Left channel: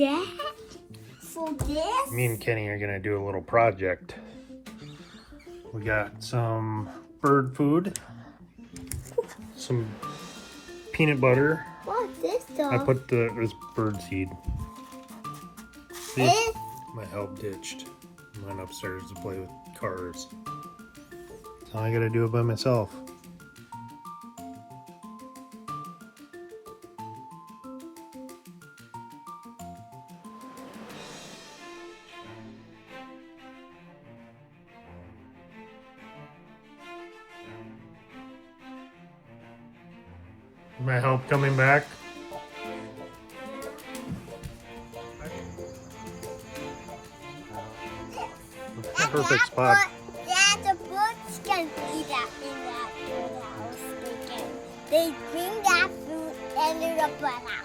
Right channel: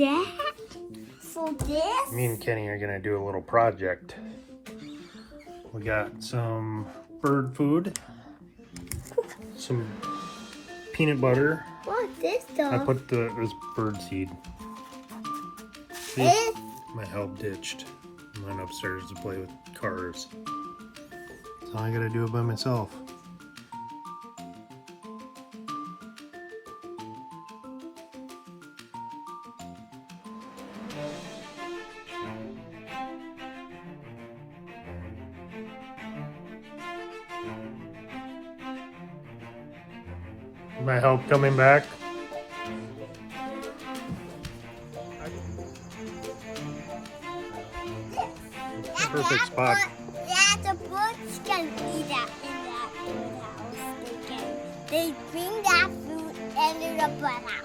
that? For this? Me and Kenny are gonna do a little project. We got some bird food, some peanut butter. What's this I though? put this bird seed. See? Eh? My help ditched. I went upstairs to play with cars. So I gotta do it by myself. My help coming back. Perfect spot. Yeah, the birds can eat that in that birdhouse. They bring that food into the birdhouse.